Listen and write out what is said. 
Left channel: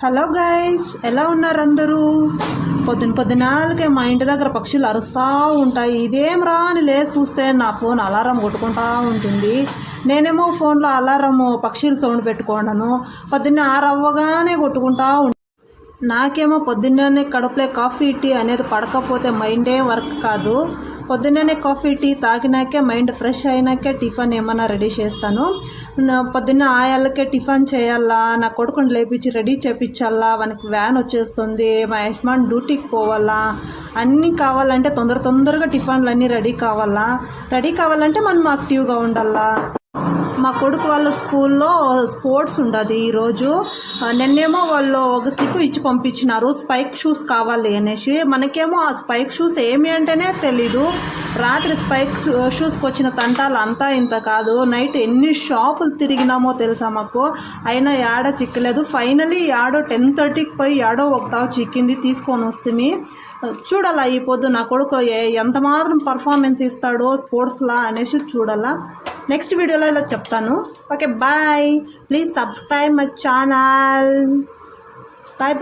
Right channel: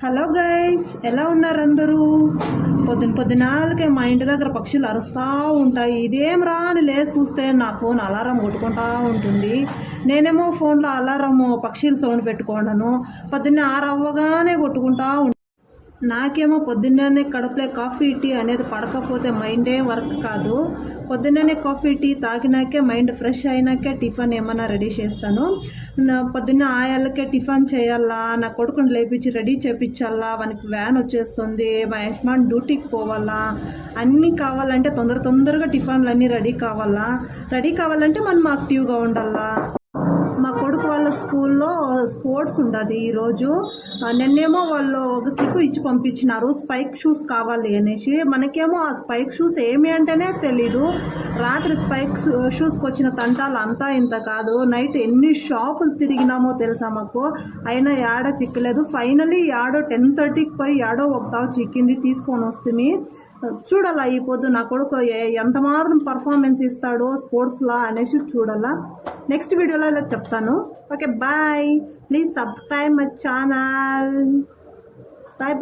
Hello guys, ఎలా ఉన్నారు అందరూ? పొద్దునాలకే మా ఇంటి దగ్గర పక్షులు అరుస్తూ ఉంటాయి. ఇదేం రా అని లేచి చూస్తే నా ఫోన్ అలారం కొట్టుకుంటూ ఉంటుంది. నేనేమో ఫోన్లో అలారం పక్షుల సౌండ్ పెట్టుకోండాను. పొద్దున్నే 6 అవ్వగానే కొట్టుకుంటూ ఉంటాను. నాకేమో పొద్దున్నే కడుపులో కాఫీ టీ అనేది పడకపోతే మైండే వర్క్ కాదు. పొద్దున్నే కాఫీ టీ తాగినాకే మైండ్ ఫ్రెష్ అయినాకే టిఫిన్ ఏమన్నా రెడీ చేస్తాను. పొద్దున్న ఆయాలకే టిఫిన్ చేయాలా, నా కొడుకుని లేపించి రెడీ చేయించాలా, వానికి వ్యాన్ వచ్చేస్తుంది, మా యజమాని డ్యూటీకి పోవాలా, అన్నీ కావాలంటే తొందరగా టిఫిన్లు అన్నీ రెడీ కావాలంటే మనం యాక్టివ్గా ఉండాలా. మా కొడుకు వాళ్ళ స్కూల్లో స్పోర్ట్స్ ఉండదు ఈరోజు. నిన్నేమో వాళ్ళు ఒక స్లిప్ ఇచ్చి పంపించినారు, స్పైక్ షూస్ కావాలి అనేసి. మనకేమో ఆ స్పైక్ షూస్ ఏమి అంటేనే తెలీదు. రాత్రి స్పైక్ షూస్కి వచ్చిన తంటాలు అంతా ఇంత కాదు. నైట్ ఎన్ని షాపులు తిరిగినామో తెలుసా మాకు, అయినా యాడో చిక్కలేదు. ఫైనలీ యాడో 10:30కి పోయి యాడో ఒక తావు చిక్కింది, తీసుకొని వస్తుంది. చూడాలా ఈ పొద్దు నా కొడుకు ఎంత మాత్రం పర్ఫార్మెన్స్ ఇస్తాడో స్పోర్ట్స్లా అనేసి చూడాలా. నెక్స్ట్ వీడియోలో ఇలా చెప్తాను. Okay, bye. Please subscribe my channel. Bye.